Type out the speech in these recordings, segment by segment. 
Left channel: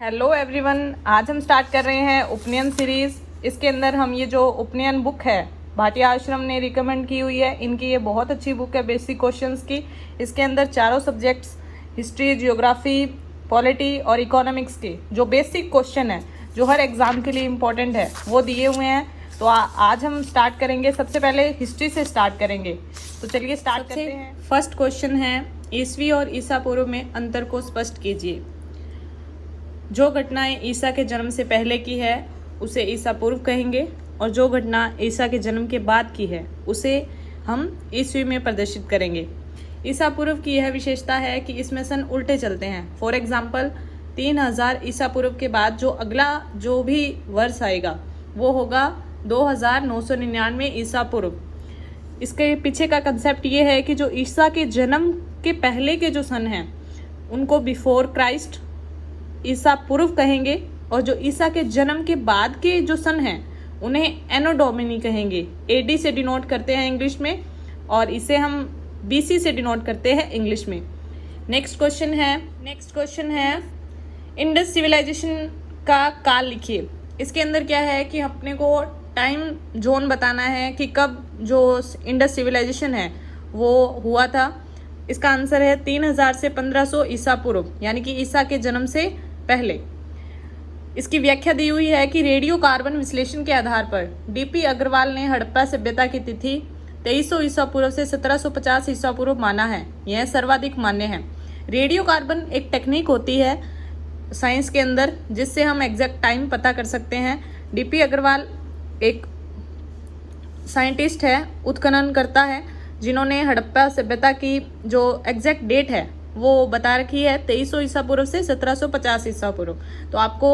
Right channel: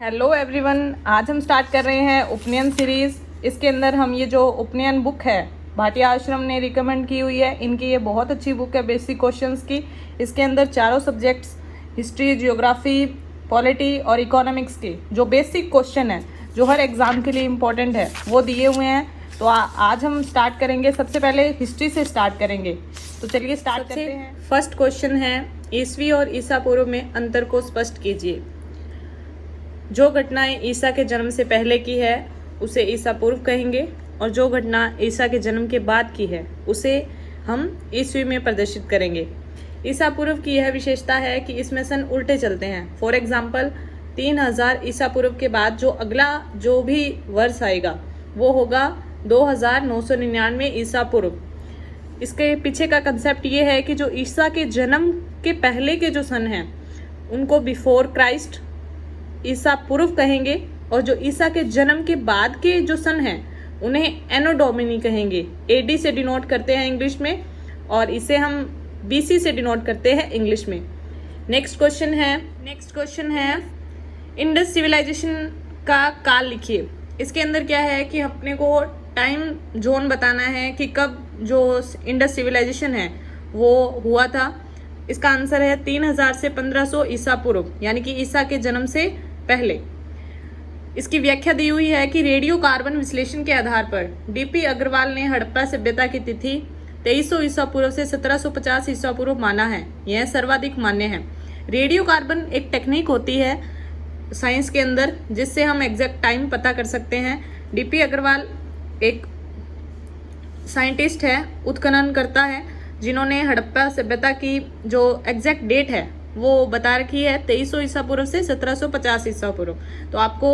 Hello everyone, आज हम start कर रहे हैं उपनयन सीरीज़। इसके अंदर हम ये जो उपनयन बुक है भाटिया आश्रम ने रिकमेंड की हुई है, इनकी ये बहुत अच्छी बुक है बेसिक क्वेश्चंस की। इसके अंदर चारों सब्जेक्ट्स हिस्ट्री, जियोग्राफी, पॉलिटी और इकोनॉमिक्स के जो बेसिक क्वेश्चन है जो हर एग्जाम के लिए इम्पोर्टेंट है वो दिए हुए हैं। तो आज हम स्टार्ट करेंगे, सबसे पहले हिस्ट्री से स्टार्ट करेंगे। तो चलिए स्टार्ट करते हैं। फर्स्ट क्वेश्चन है, ईसवी और ईसा पूर्व में अंतर को स्पष्ट कीजिए। जो घटनाएं ईसा के जन्म से पहले की है उसे ईसा पूर्व कहेंगे, और जो घटना ईसा के जन्म के बाद की है उसे हम ईसवी में प्रदर्शित करेंगे। ईसा पूर्व की यह विशेषता है कि इसमें सन उल्टे चलते हैं। फॉर एग्जाम्पल 3000 ईसा पूर्व के बाद जो अगला जो भी वर्ष आएगा वो होगा 2999 ईसा पूर्व। इसके पीछे का कंसेप्ट ये है कि जो ईसा के जन्म के पहले के जो सन हैं उनको बिफोर क्राइस्ट ईसा पूर्व कहेंगे, और जो ईसा के जन्म के बाद के जो सन हैं उन्हें एनो डोमिनी कहेंगे। एडी से डिनोट करते हैं इंग्लिश में, और इसे हम बीसी से डिनोट करते हैं इंग्लिश में। नेक्स्ट क्वेश्चन है इंडस सिविलाइजेशन का काल लिखिए। इसके अंदर क्या है कि अपने को टाइम जोन बताना है कि कब जो इंडस सिविलाइजेशन है वो हुआ था। इसका आंसर है 3000 से 1500 ईसा पूर्व, यानी कि ईसा के जन्म से पहले। इसकी व्याख्या दी हुई है कि रेडियो कार्बन विश्लेषण के आधार पर डीपी अग्रवाल ने हड़प्पा सभ्यता की तिथि 2300 ईसा पूर्व से 1750 ईसा पूर्व माना है। यह सर्वाधिक मान्य है। रेडियो कार्बन एक टेक्निक होती है साइंस के अंदर जिससे हम एग्जैक्ट टाइम पता कर सकते हैं। डीपी अग्रवाल एक साइंटिस्ट है, उत्खनन करता है, जिन्होंने हड़प्पा सभ्यता की जो एग्जैक्ट डेट है वो बता रखी है 2300 ईसा पूर्व से 1750 ईसा पूर्व। तो आपको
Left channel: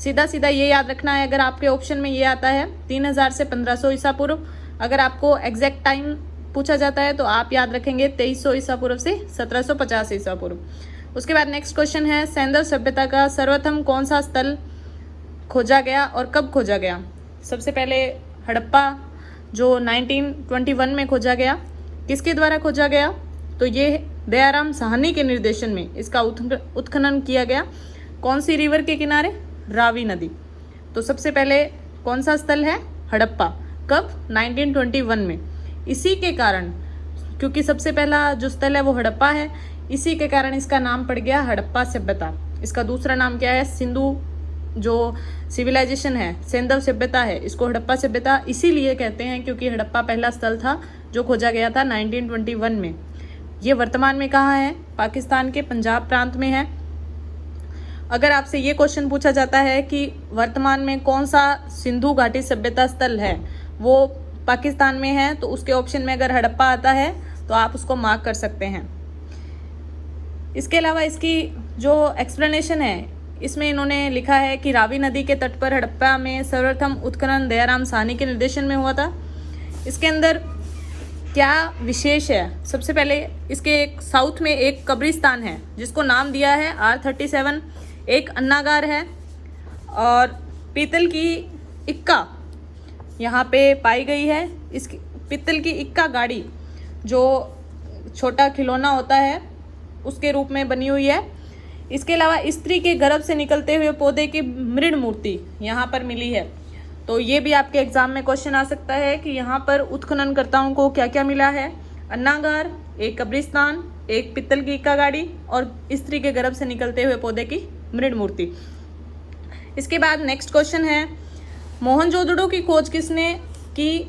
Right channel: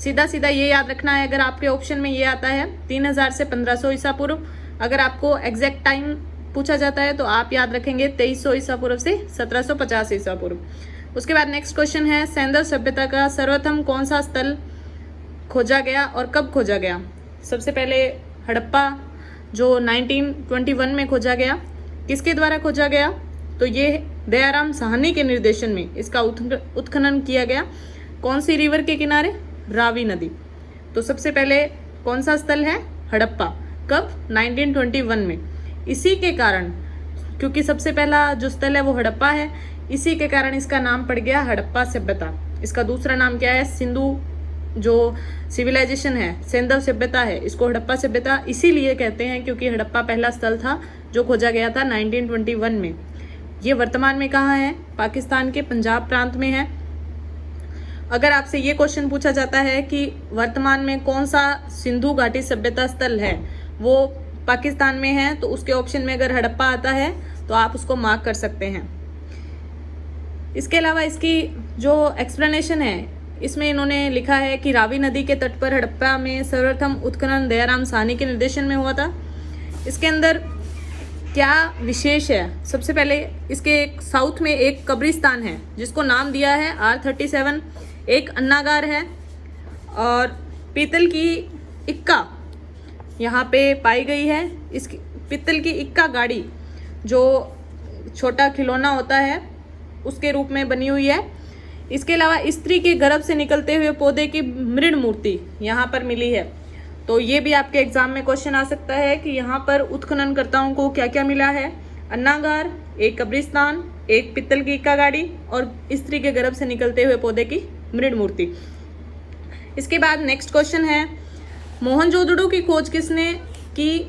सीधा सीधा ये याद रखना है, अगर आपके ऑप्शन में ये आता है 3000 से 1500 ईसा पूर्व, अगर आपको एग्जैक्ट टाइम पूछा जाता है तो आप याद रखेंगे 2300 ईसा पूर्व से 1750 ईसा पूर्व। उसके बाद नेक्स्ट क्वेश्चन है, सैंधव सभ्यता का सर्वप्रथम कौन सा स्थल खोजा गया और कब खोजा गया। सबसे पहले हड़प्पा जो 1921 में खोजा गया। किसके द्वारा खोजा गया, तो ये दयाराम साहनी के निर्देशन में इसका उत्खनन किया गया। कौन सी रिवर के किनारे, रावी नदी। तो सबसे पहले कौन सा स्थल है, हड़प्पा। कब, 1921 में। इसी के कारण, क्योंकि सबसे पहला जो स्थल है वो हड़प्पा है, इसी के कारण इसका नाम पड़ गया हड़प्पा सभ्यता। इसका दूसरा नाम क्या है, सिंधु जो सिविलाइजेशन है, सिंधव सभ्यता है, इसको हड़प्पा सभ्यता इसीलिए कहते हैं क्योंकि हड़प्पा पहला स्थल था जो खोजा गया था 1921 में। ये वर्तमान में कहाँ है, पाकिस्तान के पंजाब प्रांत में है। अगर आपसे ये क्वेश्चन पूछा जाता है कि वर्तमान में कौन सा सिंधु घाटी सभ्यता स्थल है वो पाकिस्तान में है, तो उसके ऑप्शन में अगर हड़प्पा आता है तो आप उसको मार्क कर सकते हैं। इसके अलावा इसकी जो एक्सप्लेनेशन है इसमें इन्होंने लिखा है कि रावी नदी के तट पर हड़प्पा में सर्वप्रथम उत्खनन दयाराम साहनी के निर्देशन में हुआ था। इसके अंदर क्या विशेष है, सबसे पहले इसके एक साउथ में एक कब्रिस्तान है जिसको नाम दिया है R37, एक अन्नागार है, और पीतल की इक्का यहाँ पे पाई गई है। इसकी पीतल की इक्का गाड़ी जो छोटा खिलौना होता है उसके रूप में बनी हुई है। इसके अलावा स्त्री के गर्भ से निकलते हुए पौधे की मृण मूर्ति यहाँ पर मिली है। तो ये भी आपके एग्जाम में क्वेश्चन आ सकता है कि यहाँ पर उत्खननकर्ताओं को क्या क्या मिला है, अन्नागार, एक कब्रिस्तान, एक पित्तल की इक्का गाड़ी और स्त्री के गर्भ से निकलते हुए पौधे की मृण मूर्ति। इसके बाद नेक्स्ट क्वेश्चन है, मोहनजोदड़ो की खोज किसने की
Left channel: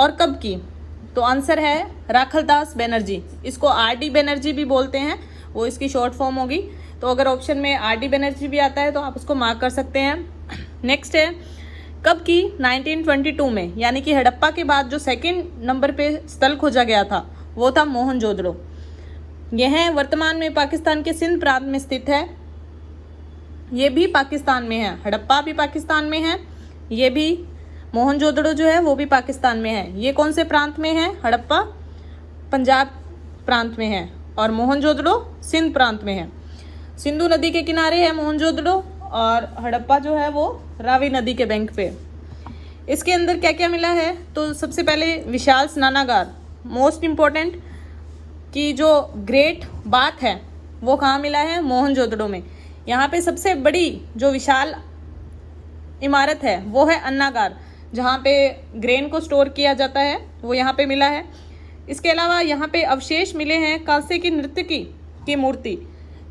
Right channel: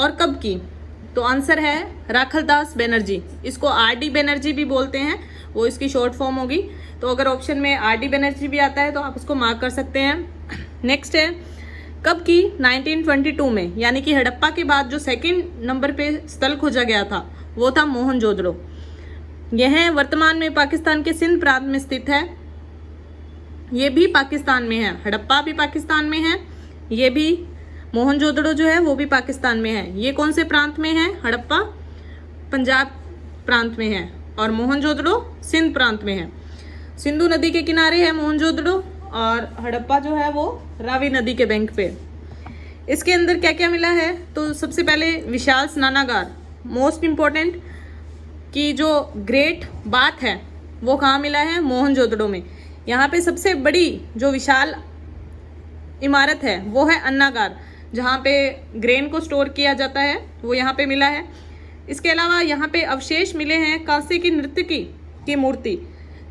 और कब की। तो आंसर है राखलदास बनर्जी। इसको RD बनर्जी भी बोलते हैं, वो इसकी शॉर्ट फॉर्म होगी। तो अगर ऑप्शन में RD बनर्जी भी आता है तो आप उसको मार्क कर सकते हैं। नेक्स्ट है, कब की, 1922 में, यानी कि हड़प्पा के बाद जो सेकंड नंबर पे स्थल खोजा गया था वो था मोहनजोदड़ो। यह वर्तमान में पाकिस्तान के सिंध प्रांत में स्थित है। ये भी पाकिस्तान में है, हड़प्पा भी पाकिस्तान में है, ये भी मोहनजोदड़ो जो है वो भी पाकिस्तान में है। ये कौन से प्रांत में है, हड़प्पा पंजाब प्रांत में है और मोहनजोदड़ो सिंध प्रांत में है। सिंधु नदी के किनारे है मोहनजोदड़ो और हड़प्पा जो है वो रावी नदी के बैंक पे। इसके अंदर क्या क्या मिला है, तो सबसे पहले विशाल स्नानागार, मोस्ट इम्पोर्टेंट, की जो ग्रेट बाथ है वो कहाँ मिला है, मोहनजोदड़ो में। यहाँ पे सबसे बड़ी जो विशाल इमारत है वो है अन्नागार, जहाँ पे ग्रेन को स्टोर किया जाता है, वो यहाँ पे मिला है। इसके अलावा यहाँ पे अवशेष मिले हैं कांसे की नर्तकी की मूर्ति,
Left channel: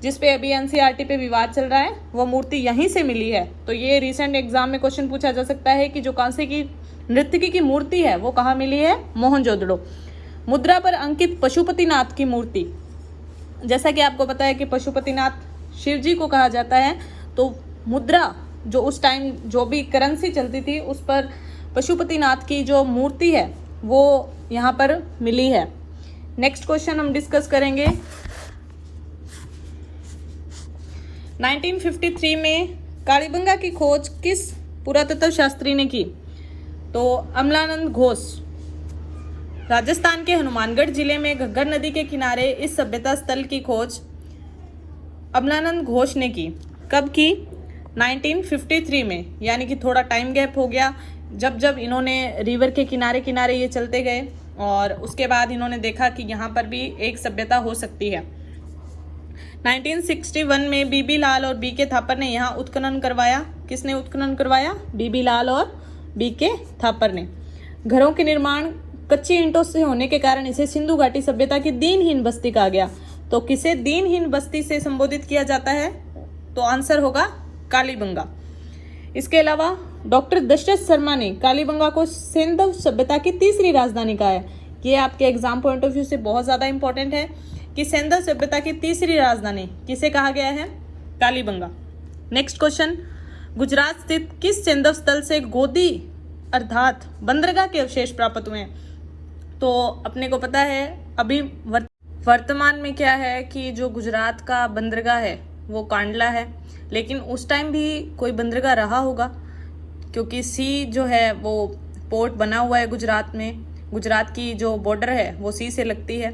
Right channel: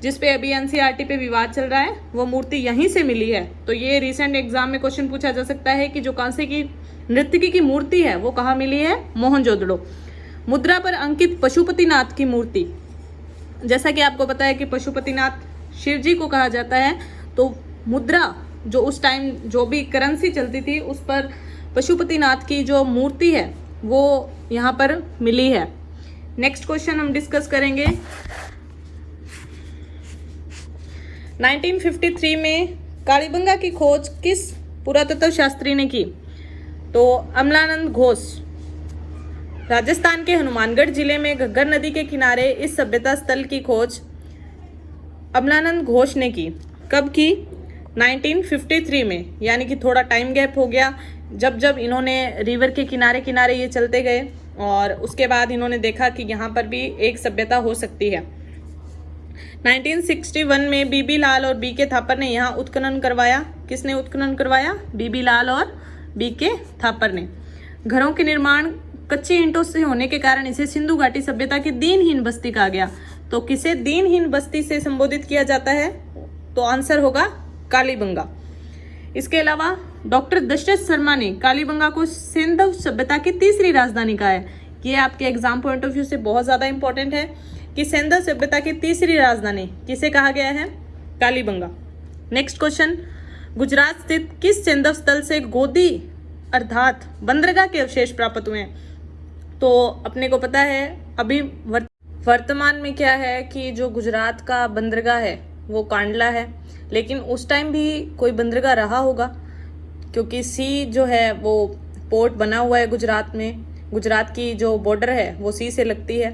जिसपे अभी एनसीईआरटी पे विवाद चल रहा है, वो मूर्ति यहीं से मिली है। तो ये रिसेंट एग्जाम में क्वेश्चन पूछा जा सकता है कि जो कांसे की नर्तकी की मूर्ति है वो कहाँ मिली है, मोहनजोदड़ो। मुद्रा पर अंकित पशुपतिनाथ की मूर्ति, जैसा कि आपको पता है कि पशुपतिनाथ शिव जी को कहा जाता है, तो मुद्रा जो उस टाइम जो भी करेंसी चलती थी उस पर पशुपतिनाथ की जो मूर्ति है वो यहाँ पर मिली है। नेक्स्ट क्वेश्चन हम डिस्कस करेंगे। 1953 में कालीबंगा की खोज किस पुरातत्व शास्त्री ने की? तो अमलानंद घोष। राजस्थान के हनुमानगढ़ जिले में घग्गर नदी के किनारे इस सभ्यता स्थल की खोज अमलानंद घोष ने की। कब की? 1953 में, यानी कि थोड़ा टाइम गैप हो गया। जब जब इन्होंने रिवर के किनारे किनारे ये चलते गए और उसके बाद इन्होंने देखा कि यहाँ पर भी एक सभ्यता हो सकती है। 1961 में बीबी लाल और बी के थापर ने यहाँ उत्खनन करवाया। किसने उत्खनन करवाया? बीबी लाल और बी के थापर ने। घरों के निर्माण कच्ची ईंटों से होने के कारण इसे सिंधु घाटी सभ्यता की दीनहीन बस्ती कहा गया। तो किसे दीनहीन बस्ती से संबोधित किया जाता है? तो आंसर होगा कालीबंगा। इसके अलावा डॉक्टर दशरथ शर्मा ने कालीबंगा को सिंधु सभ्यता की तीसरी राजधानी कहा है। ये आपके एग्जाम पॉइंट ऑफ व्यू से बहुत ज्यादा इंपॉर्टेंट है कि सिंधु सभ्यता की तीसरी राजधानी किसे कहा गया है? कालीबंगा। नेक्स्ट क्वेश्चन, गुजरात स्थित किस सिंधु स्थल से गोदी अर्थात बंदरगाह के अवशेष प्राप्त हुए हैं? तो अपने को पता है अभी वर्तमान में क्या है कि जो गुजरात का बंदरगाह है वो कांडला है, लेकिन उस टाइम भी कोई बंदरगाह रहा होगा क्योंकि सी जो है वो पोर्ट बना हुआ है गुजरात में। गुजरात की जो बॉर्डर है वो सी से लगती है।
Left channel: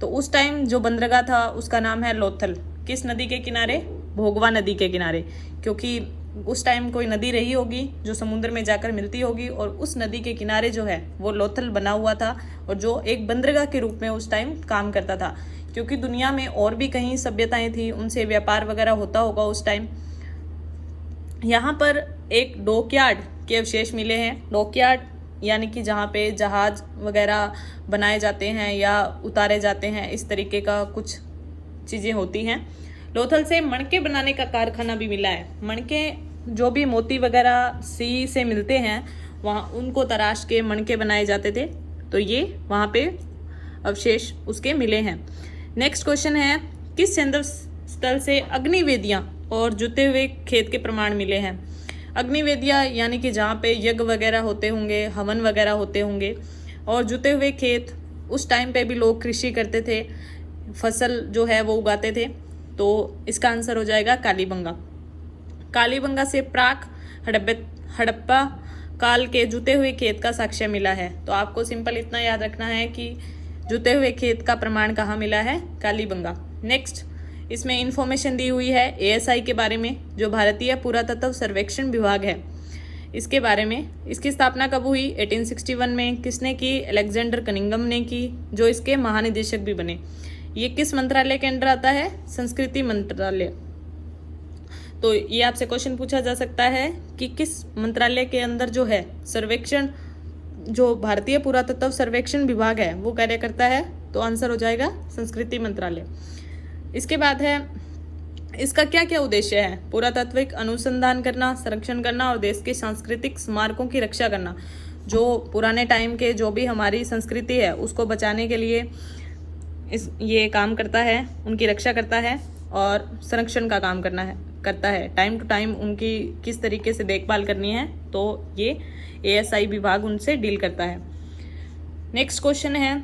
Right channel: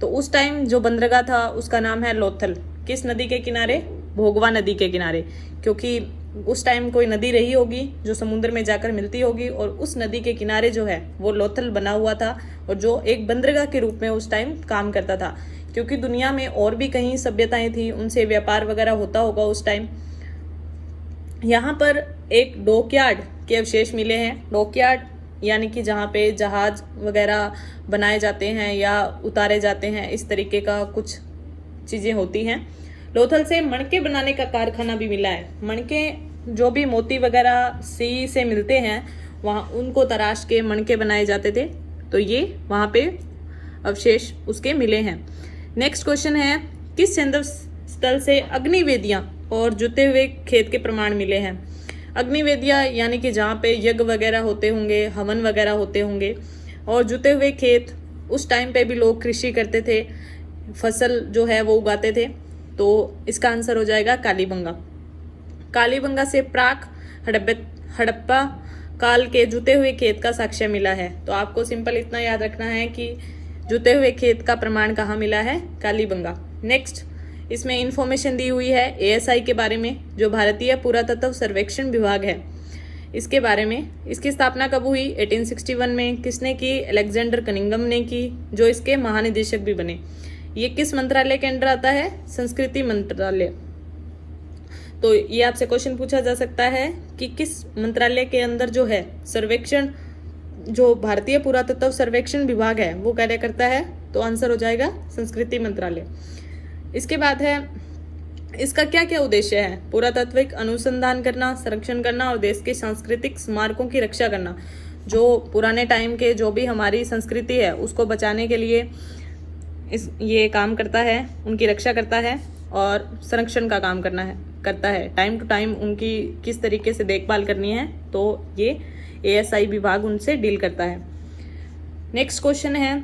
तो उस टाइम जो बंदरगाह था उसका नाम है लोथल। किस नदी के किनारे? भोगवा नदी के किनारे, क्योंकि उस टाइम कोई नदी रही होगी जो समुद्र में जाकर मिलती होगी और उस नदी के किनारे जो है वो लोथल बना हुआ था और जो एक बंदरगाह के रूप में उस टाइम काम करता था। क्योंकि दुनिया में और भी कहीं सभ्यताएं थी, उनसे व्यापार वगैरह होता होगा उस टाइम। यहाँ पर एक डॉकयार्ड के अवशेष मिले हैं। डॉकयार्ड यानी कि जहाँ पे जहाज वगैरह बनाए जाते हैं या उतारे जाते हैं, इस तरीके का कुछ चीजें होती हैं। लोथल से मणके बनाने का कारखाना भी मिला है। मणके जो भी मोती वगैरह सी से मिलते हैं वहाँ उनको तराश के मणके बनाए जाते थे, तो ये वहाँ पे अवशेष उसके मिले हैं। नेक्स्ट क्वेश्चन है, किस सिंधु स्थल से अग्निवेदियां और जुते हुए खेत के प्रमाण मिले हैं? अग्निवेदियां यानी कि जहाँ पे यज्ञ वगैरह होते होंगे, हवन वगैरह होते होंगे, और जुते हुए खेत उस टाइम पे भी लोग कृषि करते थे, फसल जो है वो उगाते थे। तो इसका आंसर हो जाएगा कालीबंगा। कालीबंगा से प्राक हड़प्पा काल के जुते हुए खेत का साक्ष्य मिला है। तो आपको सिंपल इतना याद रखना है कि जुते हुए खेत का प्रमाण कहाँ मिला है? कालीबंगा। नेक्स्ट इसमें इंफॉर्मेशन दी हुई है एएसआई के बारे में, जो भारतीय पुरातत्व सर्वेक्षण विभाग है, इसके बारे में। इसकी स्थापना कब हुई? 1861 में। किसने की? अलेक्जेंडर कनिंघम ने की, जो इसके महानिदेशक भी बने। ये किस मंत्रालय के अंडर आता है? संस्कृति मंत्रालय। तो ये आपसे क्वेश्चन पूछा जा सकता है कि किस मंत्रालय के अंदर जो है सर्वेक्षण, जो भारतीय पुरातत्व सर्वेक्षण विभाग है वो कार्य करता है? तो आंसर हो जाएगा संस्कृति मंत्रालय। इसके बाद है, इसका क्या क्या उद्देश्य है? पुरातात्विक अनुसंधान करना, संरक्षण करना और देश के सांस्कृतिक स्मारकों की रक्षा करना। जो पुराने टाइम के जो भी हमारी संस्कृति है उसको बचाने के लिए ये काम करता है, उनकी रक्षा करता है और संरक्षण का काम करता है। टाइम टू टाइम उनकी किस तरीके से देखभाल करनी है, तो ये एएसआई विभाग उनसे डील करता है। नेक्स्ट क्वेश्चन है,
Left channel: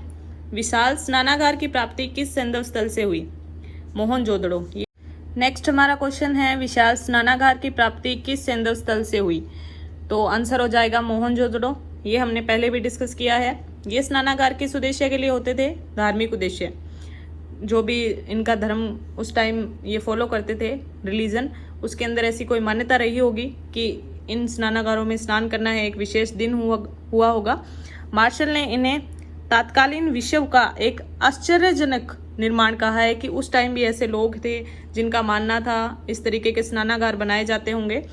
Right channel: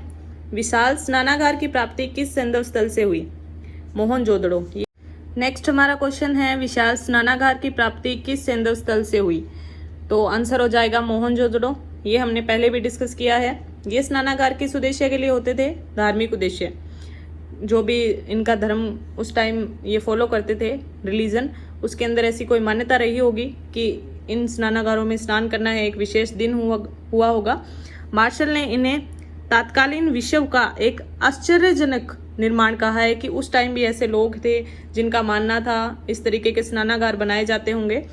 विशाल स्नानागार की प्राप्ति किस सिंधु स्थल से हुई? मोहनजोदड़ो। नेक्स्ट हमारा क्वेश्चन है, विशाल स्नानागार की प्राप्ति किस सिंधु स्थल से हुई? तो आंसर हो जाएगा मोहनजोदड़ो। ये हमने पहले भी डिस्कस किया है। ये स्नानागार किस उद्देश्य के लिए होते थे? धार्मिक उद्देश्य। जो भी इनका धर्म उस टाइम ये फॉलो करते थे, रिलीजन, उसके अंदर ऐसी कोई मान्यता रही होगी कि इन स्नानागारों में स्नान करना है, एक विशेष दिन हुआ होगा। मार्शल ने इन्हें तत्कालीन विश्व का एक आश्चर्यजनक निर्माण कहा है कि उस टाइम भी ऐसे लोग थे जिनका मानना था इस तरीके के स्नानागार बनाए जाते होंगे।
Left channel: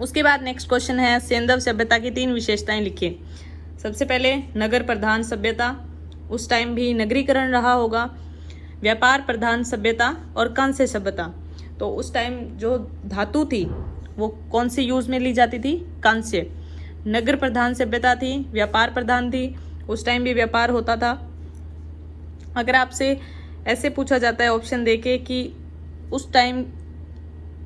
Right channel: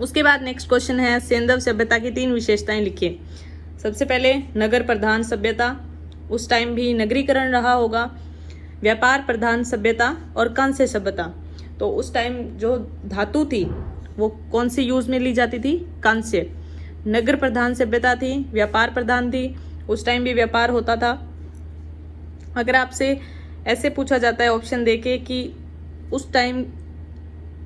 उसके बाद नेक्स्ट क्वेश्चन है, सेंधव सभ्यता की 3 विशेषताएं लिखिए। सबसे पहले नगर प्रधान सभ्यता, उस टाइम भी नगरीकरण रहा होगा। व्यापार प्रधान सभ्यता और कांस्य सभ्यता, तो उस टाइम जो धातु थी वो कौन सी यूज में ली जाती थी? कांस्य। नगर प्रधान सभ्यता थी, व्यापार प्रधान थी, उस टाइम भी व्यापार होता था। अगर आपसे ऐसे पूछा जाता है ऑप्शन देके कि उस टाइम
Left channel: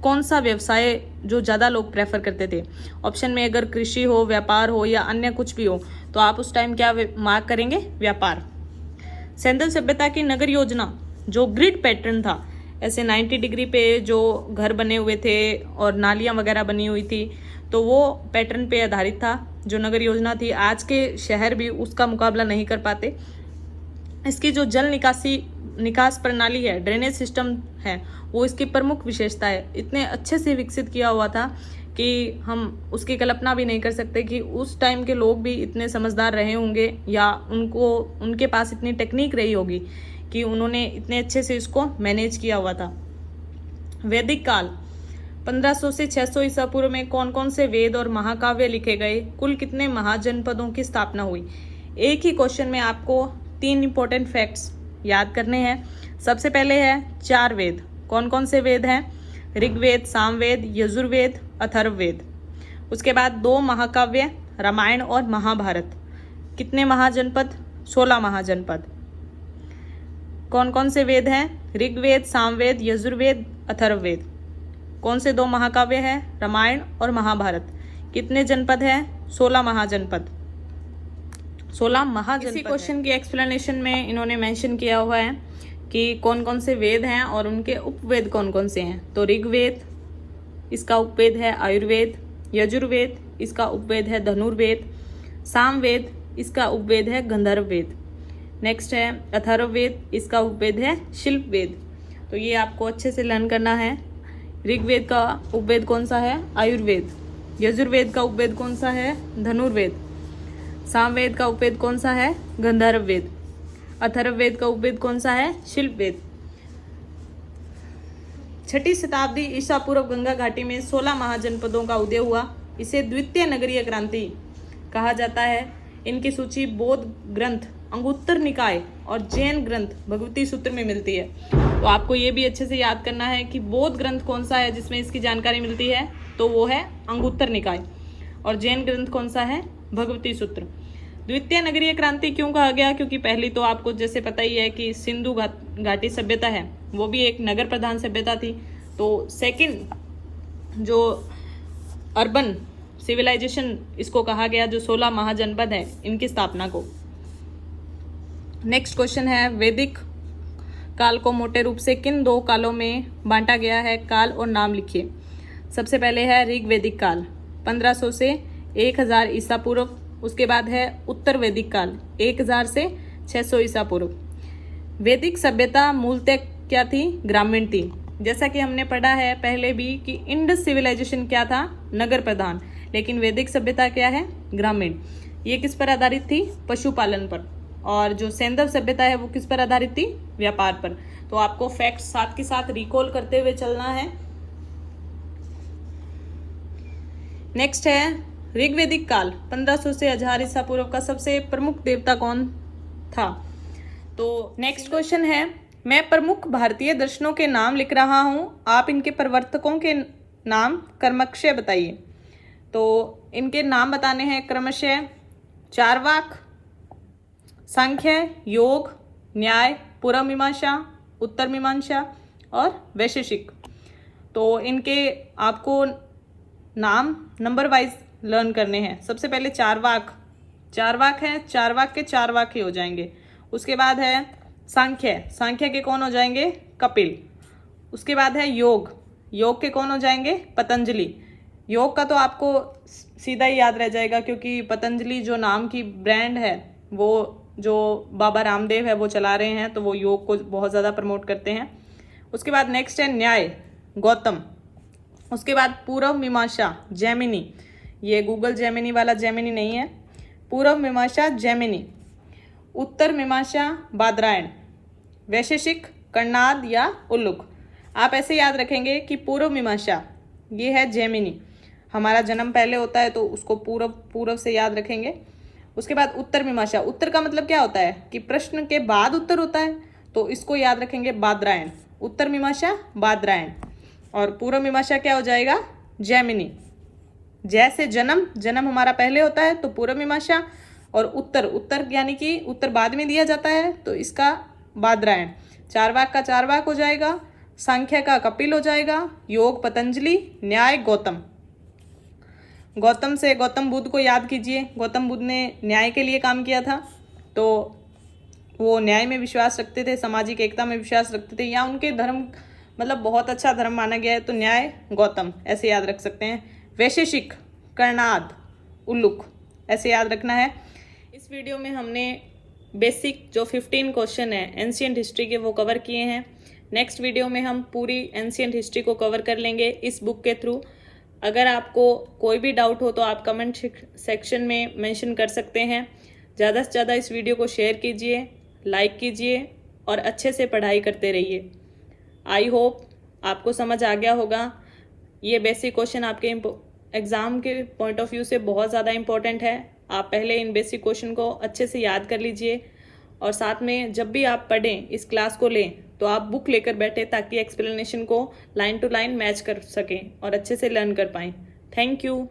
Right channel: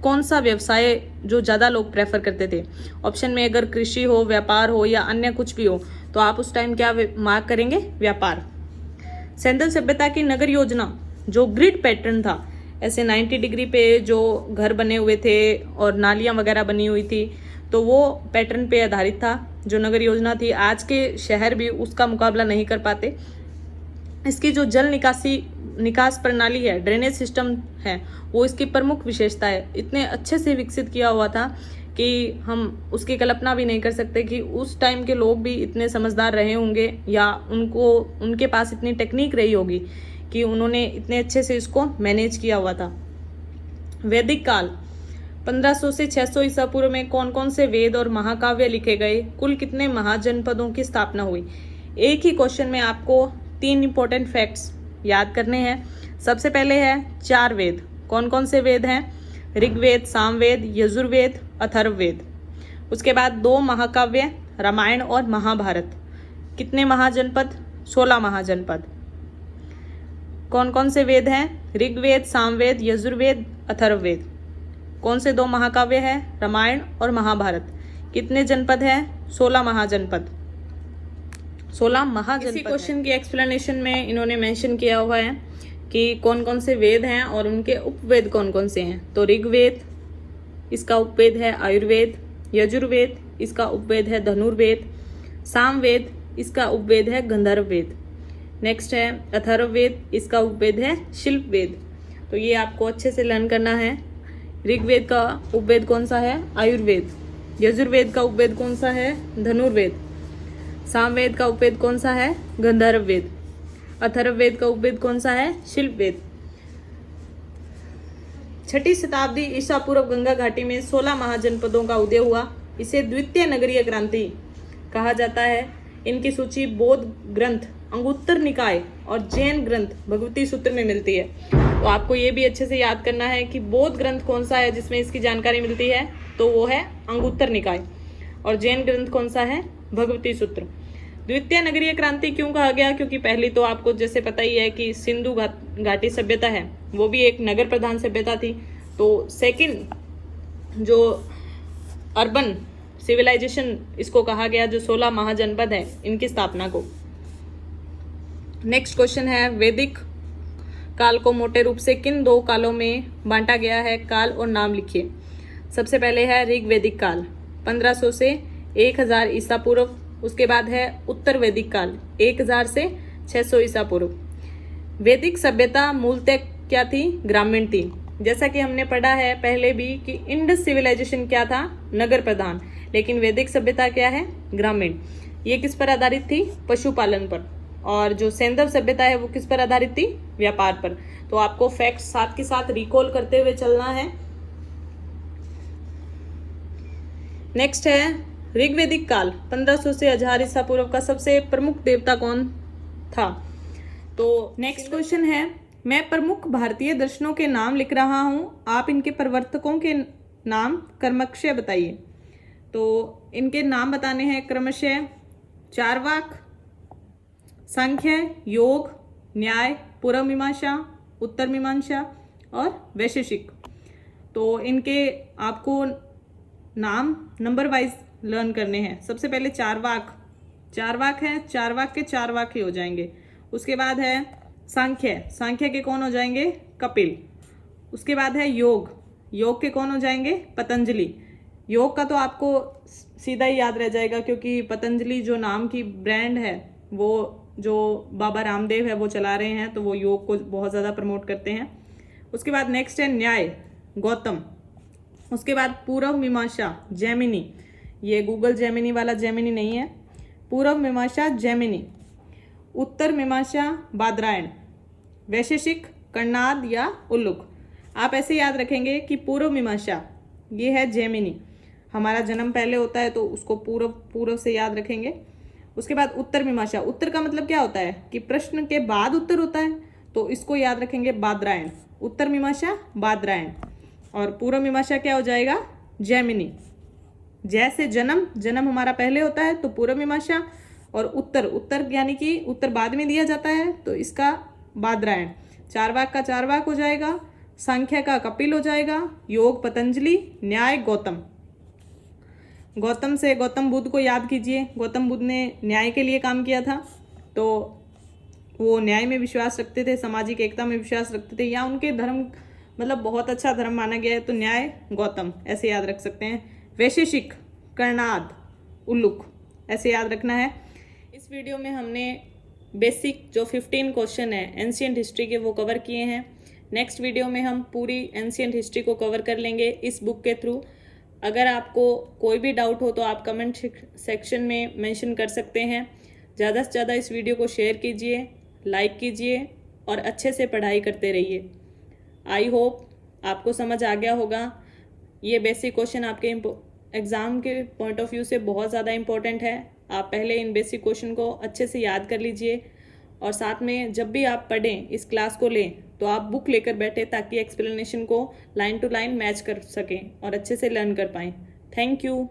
कौन सा व्यवसाय जो ज्यादा लोग प्रेफर करते थे, ऑप्शन में अगर कृषि हो, व्यापार हो या अन्य कुछ भी हो, तो आप उस टाइम क्या मार्क करेंगे? व्यापार। सेंधव सभ्यता की नगर योजना जो ग्रिड पैटर्न था, ऐसे 90 डिग्री पे जो घर बने हुए थे और नालियां वगैरह बनी हुई थी, तो वो पैटर्न पे आधारित था जो नगर योजना थी। आज के शहर भी उसका मुकाबला नहीं कर पाते। इसकी जो जल निकास प्रणाली है, ड्रेनेज सिस्टम है, वो इसकी प्रमुख विशेषता है। इतने अच्छे से विकसित किया हुआ था कि हम उसकी कल्पना भी नहीं कर सकते कि उस टाइम के लोग भी इतने समझदार रहे होंगे या उनके पास इतनी टेक्निक रही होगी कि उन्होंने इतने अच्छे से इसको मैनेज किया हुआ था। वैदिक काल 1500 से 600 ईसा पूर्व में कौन कौन से वेद और महाकाव्य लिखे गए? कुल कितने महाजनपदों की स्थापना हुई? एक ही क्वेश्चन में आपको 3 इंपॉर्टेंट फैक्ट्स याद करने हैं। सबसे पहले है 4 वेद। कौन कौन से वेद हैं? ऋग्वेद, सामवेद, यजुर्वेद, अथर्ववेद। उसके बाद 2 महाकाव्य, रामायण और महाभारत। कितने महाजनपद? 16 महाजनपद। कौन कौन से वेद हैं? ऋग्वेद, सामवेद, यजुर्वेद, अथर्ववेद। कौन से 2 महाकाव्य हैं? रामायण और महाभारत। कितने जनपद हैं? 16 महाजनपद। 16 महाजनपद। इसी क्वेश्चन की एक्सप्लेनेशन में इन्होंने मेंशन किया हुआ है कि कौन कौन से वेद हैं और उनके उपवेद कौन कौन से हैं। तो ऋग्वेद, इसका उपवेद है आयुर्वेद। यजुर्वेद, इसका उपवेद है धनुर्वेद। सामवेद, इसका उपवेद है गंधर्ववेद। नेक्स्ट है अथर्ववेद, इसका उपवेद है शिल्पवेद। तो ये आपको अच्छे से लर्न करना है। ऋग्वेद का उपवेद कौन सा है? आयुर्वेद। यजुर्वेद का उपवेद कौन सा है? धनुर्वेद। सामवेद का उपवेद कौन सा है? गंधर्ववेद। अथर्ववेद का उपवेद कौन सा है? शिल्पवेद। 6ठी शताब्दी ईसा पूर्व गंगा घाटी में 16 महाजनपदों का उदय हुआ। इसे द्वितीय नगरीय क्रांति कहा जाता है। इनकी सूची बौद्ध ग्रंथ अंगुत्तर निकाय और जैन ग्रंथ भगवती सूत्र में मिलती है। तो आपको ये भी अच्छे से याद करना है कि बौद्ध ग्रंथ कौन सा है जिसमें इसकी जानकारी मिलती है, तो वो है अंगुत्तर निकाय, और जैन ग्रंथ कौन सा है? भगवती सूत्र। द्वितीय नगरीय क्रांति क्यों कहा गया? क्योंकि पहली तो आपको जैसे पता ही है कि सिंधु घाटी सभ्यता है, वो भी एक नगर प्रधान सभ्यता थी। तो सेकंड जो अर्बन सिविलाइजेशन इसको कहा गया, जो 16 महाजनपद है इनकी स्थापना को। नेक्स्ट क्वेश्चन है, वैदिक काल को मोटे रूप से किन 2 कालों में बांटा गया है? काल और नाम लिखिए। सबसे पहले है ऋग्वैदिक काल 1500 से 1000 ईसा पूर्व। उसके बाद है उत्तर वैदिक काल 1000 से 600 ईसा पूर्व। वैदिक सभ्यता मूलतः क्या थी? ग्रामीण थी। जैसा कि हमने पढ़ा है पहले भी कि इंडस सिविलाइजेशन क्या था? नगर प्रधान। लेकिन वैदिक सभ्यता क्या है? ग्रामीण। ये किस पर आधारित थी? पशुपालन पर। और जो सेंधव सभ्यता है वो किस पर आधारित थी? व्यापार पर। तो आपको फैक्ट साथ के साथ रिकॉल करते हुए चलना है। नेक्स्ट है ऋग्वैदिक काल 1500 से 1000 ईसा पूर्व का सबसे प्रमुख देवता कौन था? तो नेक्स्ट क्वेश्चन है, मैं प्रमुख भारतीय दर्शनों के नाम लिख रहा हूं, आप इनके प्रवर्तकों के नाम क्रमशः बताइए। तो इनके नाम बताने हैं क्रमशः चार्वाक, सांख्य, योग, न्याय, पूर्व मीमांसा, उत्तर मीमांसा और वैशेषिक। तो इनके आपको नाम नंबर वाइज लर्न करने हैं। सबसे पहले चार्वाक है, चार्वाक के 4 वाक्य हो जाएंगे। उसके बाद है सांख्य के कौन हो जाएंगे? कपिल। उसके बाद है योग के कौन हो जाएंगे? पतंजलि। योग का तो आपको सीधा ही याद रह जाएगा क्योंकि पतंजलि जो नाम की ब्रांड है वो जो बाबा रामदेव है वो चला रहे हैं, तो वो योग को बहुत ज़्यादा प्रमोट करते हैं। उसके बाद नेक्स्ट है न्याय, गौतम। उसके बाद पूर्व मीमांसा, जैमिनी। ये गूगल जैमिनी वाला जैमिनी नहीं है, पूर्व मीमांसा जैमिनी। उत्तर मीमांसा, बादरायण। वैशेषिक, कर्णाद या उल्लुक। आप ऐसे याद रखेंगे कि पूर्व मीमांसा ये है जैमिनी, हमारा जन्म पहले होता है तो उसको पूर्व से याद रखेंगे। उसके बाद उत्तर मीमांसा, उत्तर का मतलब क्या होता है कि प्रश्न के बाद उत्तर होता है, तो इसको याद रखेंगे बादरायण। उत्तर मीमांसा बादरायण। और पूर्व मीमांसा क्या हो जाएगा, जैमिनी। जैसे जन्म हमारा पहले होता है तो पूर्व मीमांसा, और उत्तर यानी कि उत्तर बाद में दिया जाता है तो इसका बादरायण। चारवाक का चारवाक हो जाएगा, सांख्य का कपिल हो जाएगा, योग पतंजलि, न्याय गौतम। गौतम से गौतम बुद्ध को याद कीजिए, गौतम बुद्ध ने न्याय के लिए काम किया था, तो वो न्याय में विश्वास रखते थे, सामाजिक एकता में विश्वास रखते थे, या उनके धर्म मतलब बहुत अच्छा धर्म माना गया है, तो न्याय गौतम ऐसे याद रख सकते हैं। वैशेषिक, कर्णाद, उल्लुक ऐसे याद रखना है। इस वीडियो में हमने बेसिक जो 15 क्वेश्चन है एंशिएंट हिस्ट्री के वो कवर किए हैं। नेक्स्ट वीडियो में हम पूरी एंशिएंट हिस्ट्री को कवर कर लेंगे इस बुक के थ्रू। अगर आपको कोई भी डाउट हो तो आप कमेंट सेक्शन में मेंशन कर सकते हैं। ज़्यादा से ज़्यादा इस वीडियो को शेयर कीजिए, लाइक कीजिए और अच्छे से पढ़ाई करते रहिए। आई होप आपको समझ आ गया होगा। ये बेसिक क्वेश्चन आपके एग्ज़ाम के पॉइंट ऑफ व्यू से बहुत ज़्यादा इम्पोर्टेंट है। आप पहले इन बेसिक क्वेश्चन को अच्छे से याद कर लीजिए, और साथ में जब भी आप पढ़ें, इस क्लास को लें, तो आप बुक लेकर बैठे ताकि एक्सप्लेनेशन को लाइन टू लाइन मैच कर सकें और अच्छे से लर्न कर पाएँ। Thank you.